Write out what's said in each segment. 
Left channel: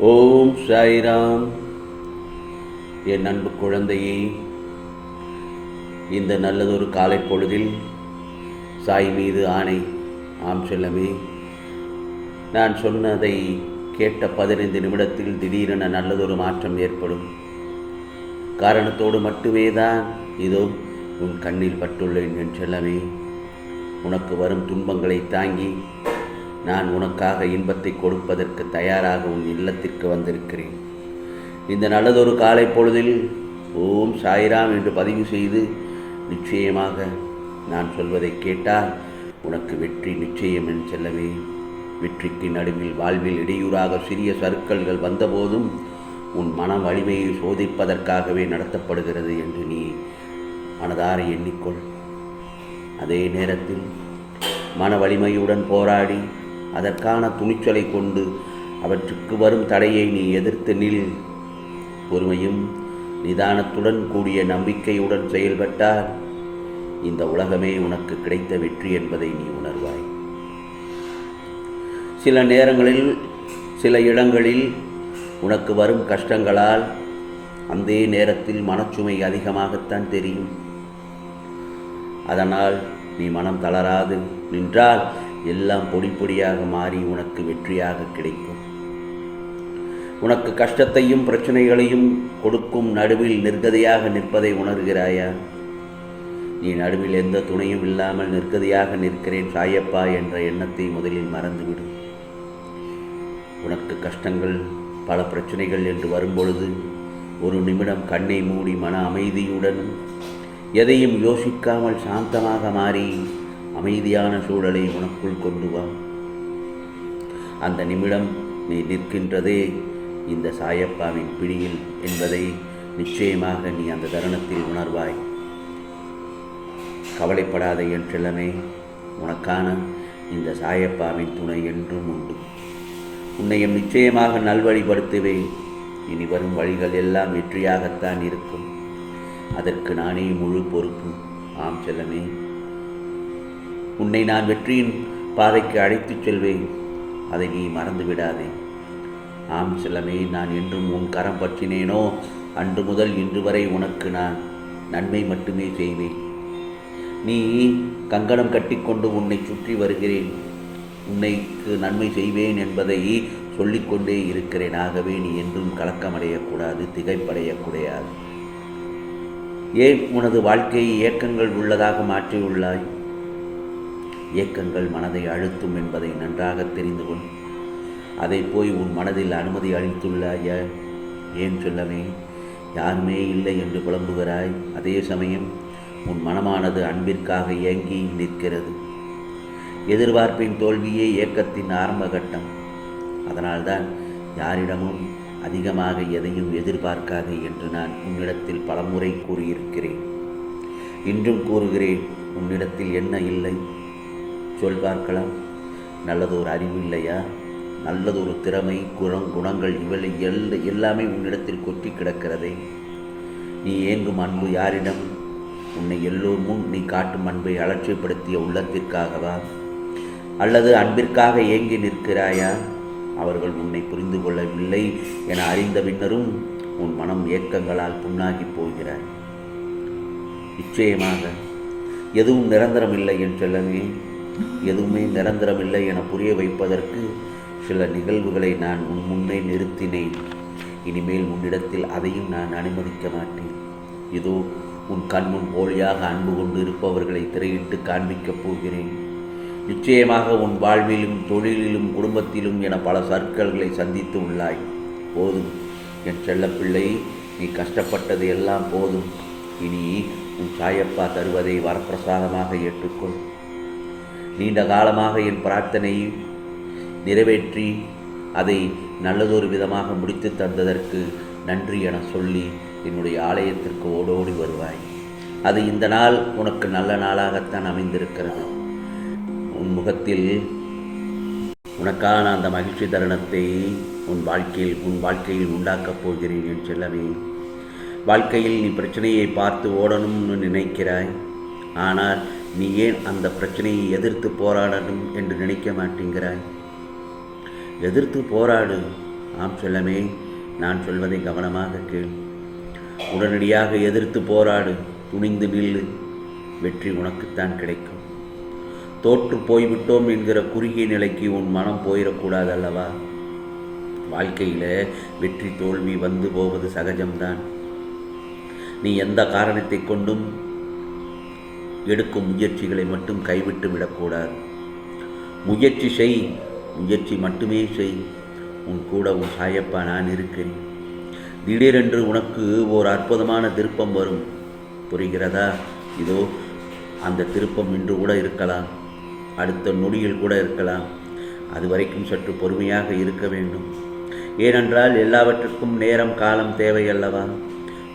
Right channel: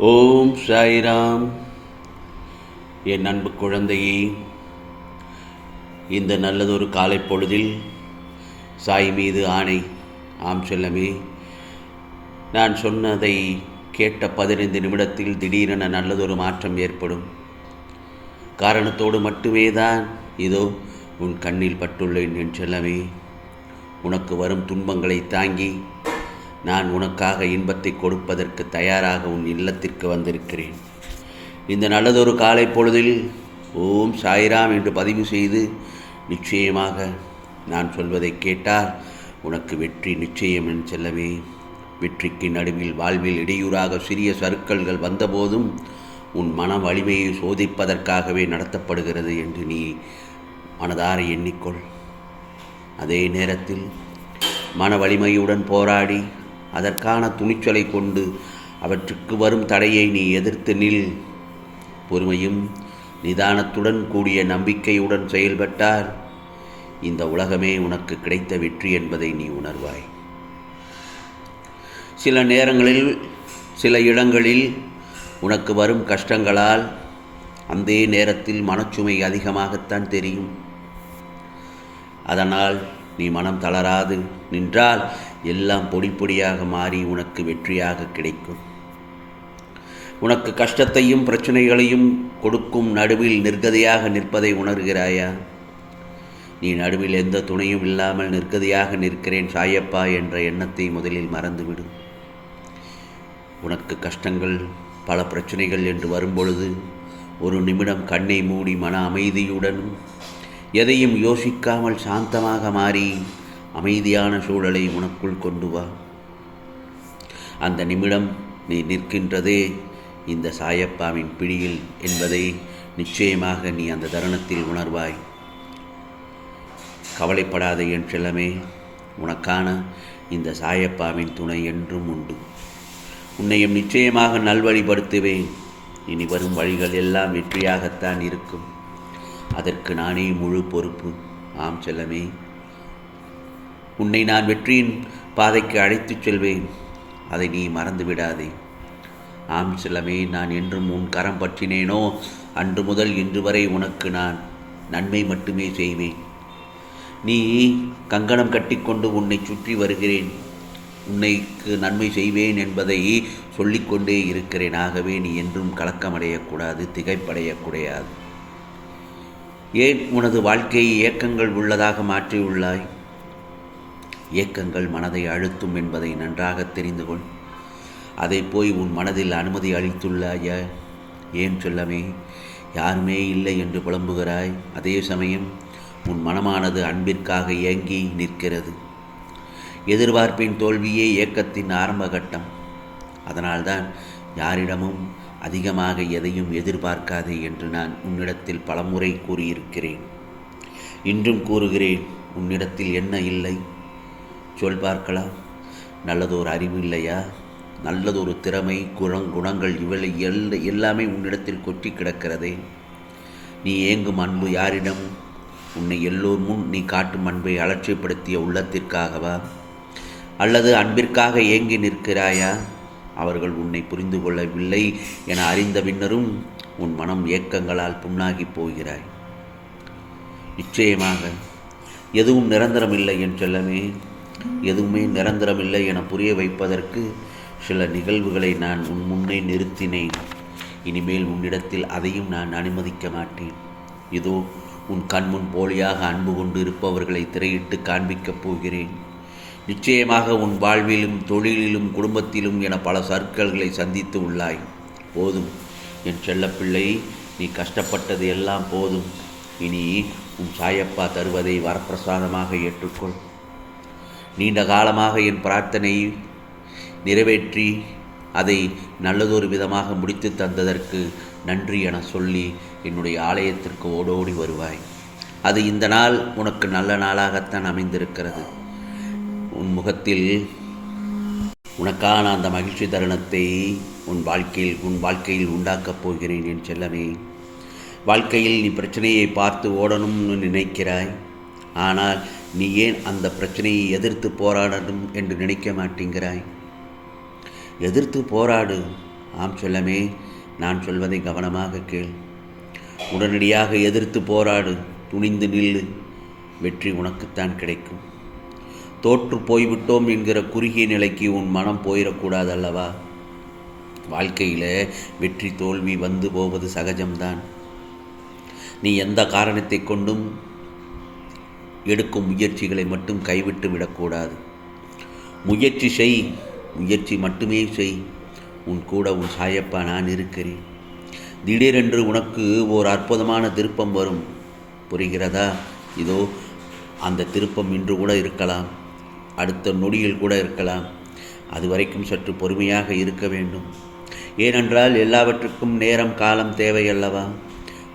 ஓம் சாய்ராம். என் அன்பு குழந்தையே இந்த நல்லதொரு காலை பொழுதில் சாய் மீது ஆணை ஆம் செல்லமே நான் சொன்னதை கேட்ட பதினைந்து நிமிடத்தில் திடீரென நல்லதொரு மாற்றம் ஏற்படும். காரணத்தோடு மட்டுமே தான் இதோ உன் கண்ணில் பட்டுள்ளேன் என் செல்லமே. உனக்கு வரும் துன்பங்களை தாங்கி நான் உனக்காக இன்பத்தை கொடுப்பதற்கு தயாராக உன் இல்லத்திற்கு வந்திருக்கிறேன். இந்த நல்லதொரு காலை பொழுதில் ஓம் சாய்ராம் என்று பதிவு செய்து நிச்சயமாக நான் சொல்வதை கேட்டால் உனக்கு வெற்றி நிச்சயம் என் செல்லவே. வெற்றிக்கு நடுவில் வாழ்வில் இடையூறாக சிறிய சருக்கல்கள் வந்தபோதும் உன் மன வலிமையை சோதிப்பதற்காகவே நடத்தப்படுகிறது என்று நீ மனதார எண்ணிக்கொள். அதே நேரத்தில் மன வலிமையுடன் போராடி அதற்கான துணிச்சலை கொண்டு அவற்றுக்கு வரும் தடையை நீ எதிர்த்து நில். பொறுமையும் நிதானத்துடன் கூடிய நம்பிக்கையுடன் செயல்பட்டால் இந்த உலகமே உனக்கு கிடைத்த வெற்றி என்பதை நீ உணர்வாய். சில நேரங்களில் சில இடங்களில் உனக்கு வரும் கஷ்டங்களால் அந்த நேரத்தில் மனச்சுமை அதிகமாகத்தான் தெரியும். அதனால் நீ மனம் தளராது நின்றால் எல்லாம் பொடி பொடியாக மாறி உனக்கு வெற்றியாக கிடைக்கும். உனக்கு கஷ்டத்தையும் பிரச்சனைகளையும் கொடுக்கும் நடுவில் நிர்கதியாக நிற்பதை உணர்கிறாயா? நீ நடுவில் எந்த துணையும் இல்லாமல் நிர்கதியாக நிற்கிறேன் சாயப்பா என்ற எண்ணத்தை முதலில் மறந்துவிடு. உனக்கு கஷ்டங்கள் பல பிரச்சனைகள் என்று வரும்பொழுது ஒரு நிமிடம் கண்ணை மூடி மன அமைதியுடன் எதையும் யோசிக்காமல் சாந்தமாக மாறி அமைதியான சூழலை உனக்குள் கொண்டு வா. அந்த நிமிடம் நீ நிற்கின்றதே இந்த சாயப்பாவின் பிடியில் என்பதை நிச்சயமாக நீ அந்த தருணத்தில் உணர்வாய். கவலைப்படாத என் செல்லமே உனக்கான இந்த சாயப்பாவின் துணை என்றும் உண்டு. உன்னையும் நிச்சயமாக நல்வழிப்படுத்துவேன். இனி வரும் வழிகள் எல்லாம் வெற்றியாகத்தான் இருக்கும். அதற்கு நானே முழு பொறுப்பு. ஆம் செல்லமே. உன்னை நான் வெற்றியின் பாதைக்கு அழைத்துச் செல்வேன். அதை நீ மறந்து விடாதே ஆம் செல்லமே நான் என்றும் உன் கரம் பற்றினேனோ? அன்று முதல் இன்று வரை உனக்கு நான் நன்மை மட்டுமே செய்வேன். நீ கங்கணம் கட்டிக்கொண்டு உன்னை சுற்றி வருகிறேன். உன்னைக்கு நன்மை செய்வேன் என்பதை சொல்லிக்கொண்டே இருக்கிறேன். ஆகவே நீ என்றும் கலக்கமடையக்கூடாது திகைப்படையக்கூடாது. ஏன் உனது வாழ்க்கையை ஏக்கங்கள் உள்ளதாக மாற்றியுள்ளாய்? ஏக்கங்கள் மனதை அழுத்தும் என்பதை நன்றாக தெரிந்து கொள். அதை போய் உன் மனதில் அனுமதி அளித்துள்ளாய ஏன் சொல்லமே? யாருமே இல்லை என்று புலம்புகிறாய். அதே சமயம் உன் மனமானது அன்பிற்காக ஏங்கி நிற்கிறது. எதிர்பார்ப்பின் தோல்வியே இயக்கத்தின் ஆரம்ப கட்டம் அதனால்தான் யாரிடமும் அதிகமாக எதையும் எதிர்பார்க்காதே என்று நான் உன்னிடத்தில் பலமுறை கூறியிருக்கிறேன். இன்றும் கூறுகிறேன் உன்னிடத்தில் என்ன இல்லை? சொல் பார்க்கலாம். நல்லதொரு அறிவு இல்லையா? நல்லதொரு திறமை குணம் குணங்கள் இவளை எல் எல்லாமே உன்னிடத்தில் கொட்டி கிடக்கிறதே. நீ ஏங்கும் அன்பு யாரிடம்? உன்னை எல்லோர் முன் நீ காட்டும் அன்பை அலட்சியப்படுத்திய உள்ளத்திற்காகவா? அல்லது அன்பிற்காக ஏங்கி நிற்கிறாயா? அவர்கள் உன்னை புரிந்து கொள்ளவில்லை என அறிந்த பின்னரும் உன் மனம் ஏக்கங்களால் புண்ணாகி போகிறாய். நிச்சயமாக எதுவும் நிரந்தரமில்லை என் செல்லமே. எதுவுமே நிரந்தரமில்லை என புரிய வைப்பதற்கு சில நிகழ்வுகளை நான் உன் முன்னே நிறுத்தினேன். இனிமேல் உன்னிடத்தில் அதையும் நான் அனுமதிக்க மாட்டேன். இதோ உன் கண்முன் போலியாக அன்பு கொண்டு இருப்பவர்களை திரையிட்டு காண்பிக்கப் போகிறேன். நிச்சயமாக உன் வாழ்விலும் தொழிலிலும் குடும்பத்திலும் என பல சர்க்கல்களை சந்தித்து உள்ளாய். போதும். என் செல்லப்பிள்ளை நீ கஷ்டப்பட்டது எல்லாம் போதும். இனி உன் சாயப்பா தருவதை வரப்பிரசாதமாக ஏற்றுக்கொள். நீண்ட காலமாக என் பிரார்த்தனை நிறைவேற்றி அதை நல்லதொரு விதமாக முடித்து தந்ததற்கு நன்றி என சொல்லி என்னுடைய ஆலயத்திற்கு ஓடோடி வருவாய். அது இந்த நாள் உனக்கு நல்ல நாளாகத்தான் அமைந்திருக்கிறது. உன் முகத்தில் உனக்கான அந்த மகிழ்ச்சி தருணத்தை உன் வாழ்க்கையில் உன் வாழ்க்கையில் உண்டாக்கப் போகிறேன் என் செல்லவே வாழ்க்கையில் நீ பிரச்சனையை பார்த்து ஓடணும்னு நினைக்கிறாய். ஆனால் நீ ஏன் அந்த பிரச்சனையை எதிர்த்து போராடணும் என்று நினைக்க மாட்டேங்கிறாய்? எதிர்த்து போராடு. ஆம் செல்லமே நான் சொல்வதை கவனமாக கேள். உடனடியாக எதிர்த்து போராடு. துணிந்து நில்லு. வெற்றி உனக்குத்தான் கிடைக்கும். தோற்று போய்விட்டோம் என்கிற குறுகிய நிலைக்கு உன் மனம் போயிடக்கூடாது அல்லவா வாழ்க்கையில் வெற்றி தோல்வி வந்து போவது சகஜம்தான். நீ எந்த காரணத்தை கொண்டும் எடுக்கும் முயற்சிகளை மட்டும் கைவிட்டு விடக்கூடாது. முயற்சி செய் முயற்சி மட்டுமே செய். உன் கூட உன் சாயப்பா நான் இருக்கிறேன். திடீரென்று உனக்கு ஓர் அற்புதமான திருப்பம் வரும். புரிகிறதா? இதோ அந்த திருப்பம் இன்று கூட இருக்கலாம். அடுத்த நொடியில் கூட இருக்கலாம். அது வரைக்கும் சற்று பொறுமையாக இருக்க வேண்டும். ஏனென்றால் எல்லாவற்றுக்கும் நேரம் காலம் தேவை அல்லவா?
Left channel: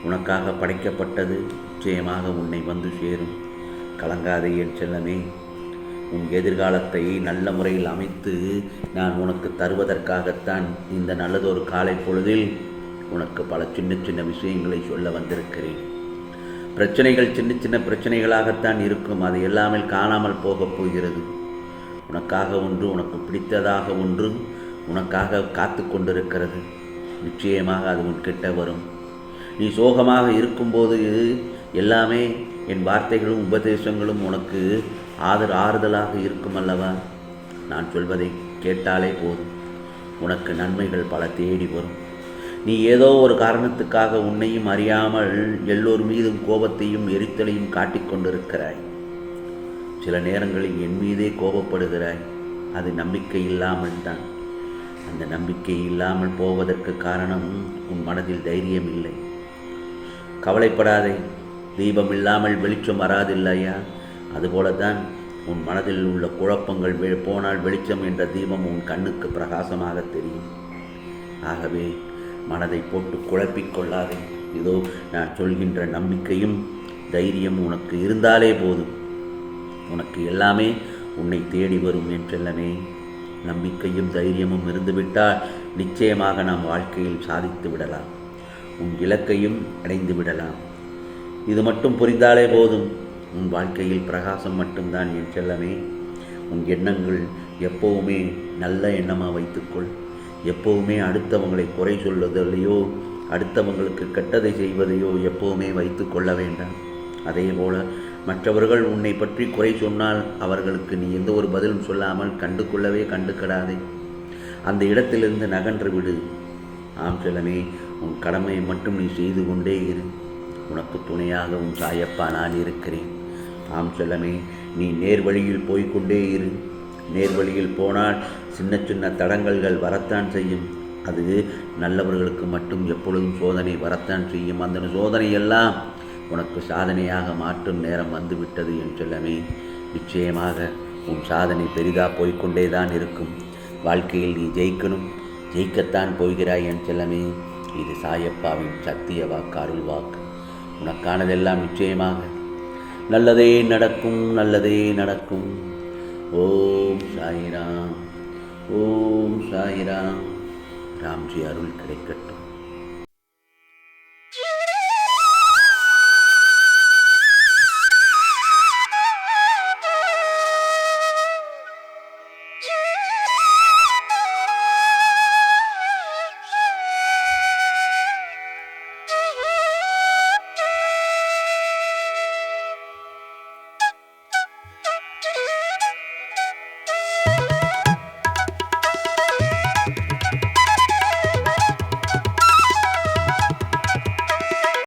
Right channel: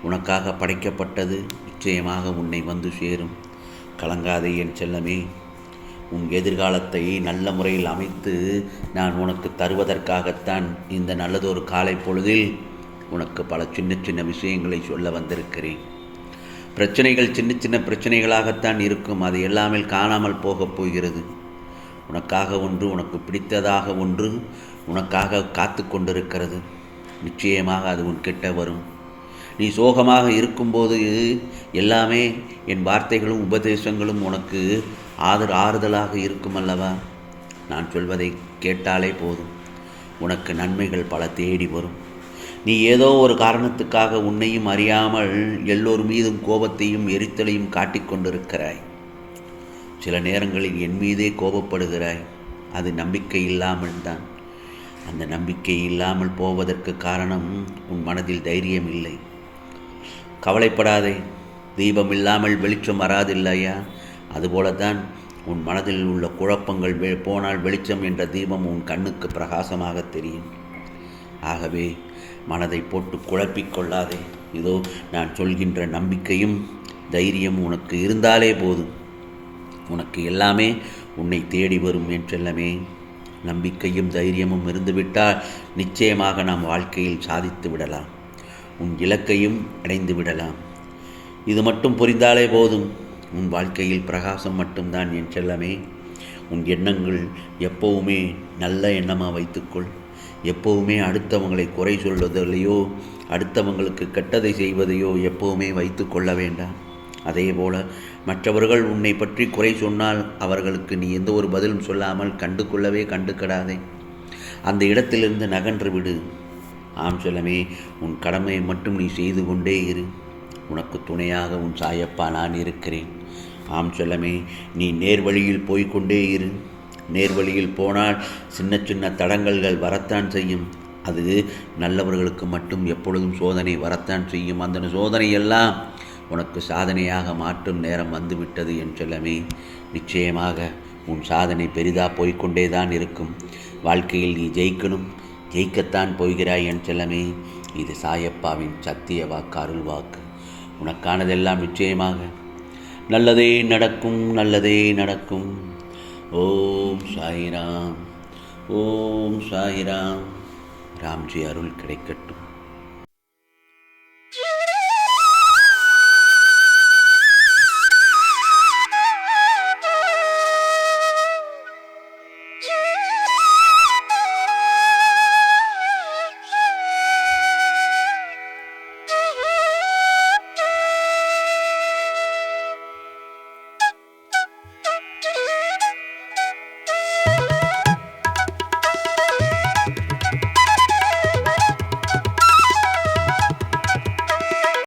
உனக்காக படைக்கப்பட்டது நிச்சயமாக உன்னை வந்து சேரும். கலங்காதே என் செல்லமே. உன் எதிர்காலத்தை நல்ல முறையில் அமைத்து நான் உனக்கு தருவதற்காகத்தான் இந்த நல்லதொரு காலை பொழுதில் உனக்கு பல சின்ன சின்ன விஷயங்களை சொல்ல வந்திருக்கிறேன். பிரச்சனைகள் சின்ன சின்ன பிரச்சனைகளாகத்தான் இருக்கும். அது எல்லாமே காணாமல் போகப் போகிறது. உனக்காக ஒன்று உனக்கு பிடித்ததாக ஒன்று உனக்காக காத்து கொண்டிருக்கிறது. நிச்சயமாக அது உன்கிட்ட வரும். நீ சோகமாக இருக்கும்போது எல்லாமே என் வார்த்தைகளும் உபதேசங்களும் உனக்கு ஆதர் ஆறுதலாக இருக்கும் அல்லவா நான் சொல்வதை கேட்டாலே போதும். உனக்கு நன்மைகள் பல தேடி வரும். நீ ஏதோ ஒரு காரணத்துக்காக உன்னையும் அறியாமல் எல்லோர் மீதும் கோபத்தையும் எரித்தலையும் காட்டிக்கொண்டிருக்கிறாய் சில நேரங்களில் என் மீதே கோபப்படுகிறாய். அது நம்பிக்கை இல்லாமல் தான். அந்த நம்பிக்கை இல்லாமல் போவதற்கு காரணம் உன் மனதில் தைரியம் இல்லை. கவலைப்படாதே. தீபம் இல்லாமல் வெளிச்சம் வராதில்லையா? அதுபோலத்தான் உன் மனதில் உள்ள குழப்பங்கள் வெ போனால் வெளிச்சம் என்ற தீபம் உன் கண்ணுக்கு பிரகாசமாக தெரியும். ஆகவே மனதை போட்டு குழப்பிக் கொள்ளாதே. இதோ நான் சொல்கின்ற நம்பிக்கையும் தைரியம் உனக்கு இருந்தாலே போதும். உனக்கு எல்லாமே உன்னை தேடி வரும் என்றெல்லாமே. நம்பிக்கையும் தைரியமும் இருந்துவிட்டால் நிச்சயமாக நாம் வாழ்க்கையில் சாதித்து விடலாம். உன் இலக்கையும் அடைந்து விடலாம். இது மட்டும் புரிந்தாலே போதும். உன் வாழ்க்கையில் பிரகாசம் மட்டும்தான் என் செல்லமே. உன் எண்ணங்கள் எப்போவுமே நல்ல எண்ணமாக வைத்துக்கொள். எப்போவுமே அடுத்தவங்களை குறை சொல்வதில்லையோ அடுத்தவங்களுக்கு கெட்டதை செய்வதையோ எப்போவுமே வைத்து கொள்ள வேண்டாம். அதே போல் மற்றவர்கள் உன்னை பற்றி குறை சொன்னால் அவர்களுக்கு நீ எந்த ஒரு பதிலும் சொல்லாமல் கண்டு கொள்ளவே கண்டுக்கடாதே அந்த இடத்திலிருந்து நகன்று விடு. ஆம் செல்லமே உன் கடமையை மட்டும் நீ செய்து கொண்டே இரு. உனக்கு துணையாக உன் சாயப்பா நான் இருக்கிறேன். ஆம் செல்லமே நீ நேர்வழியில் போய்கொண்டே இரு. நேர்வழியில் போனால் சின்ன சின்ன தடங்கல்கள் வரத்தான் செய்யும். அது நல்லவர்களுக்கு மட்டும் எப்பொழுதும் சோதனை வரத்தான் செய்யும். அந்த சோதனையெல்லாம் உனக்கு சாதனையாக மாற்றும் நேரம் வந்துவிட்டது என் செல்லமே. நிச்சயமாக உன் சாதனை பெரிதாக போய்கொண்டே தான் இருக்கும். வாழ்க்கையில் நீ ஜெயிக்கணும். ஜெயிக்கத்தான் போகிறாய் என் செல்லமே. இது சாயப்பாவின் சத்திய வாக்கு அருள் வாக்கு. உனக்கானதெல்லாம் நிச்சயமாக. நல்லதே நடக்கும் நல்லதே நடக்கும். ஓம் சாயிராம் ஓம் சாயிராம். ராம்ஜி அருள் கிடைக்கட்டும்.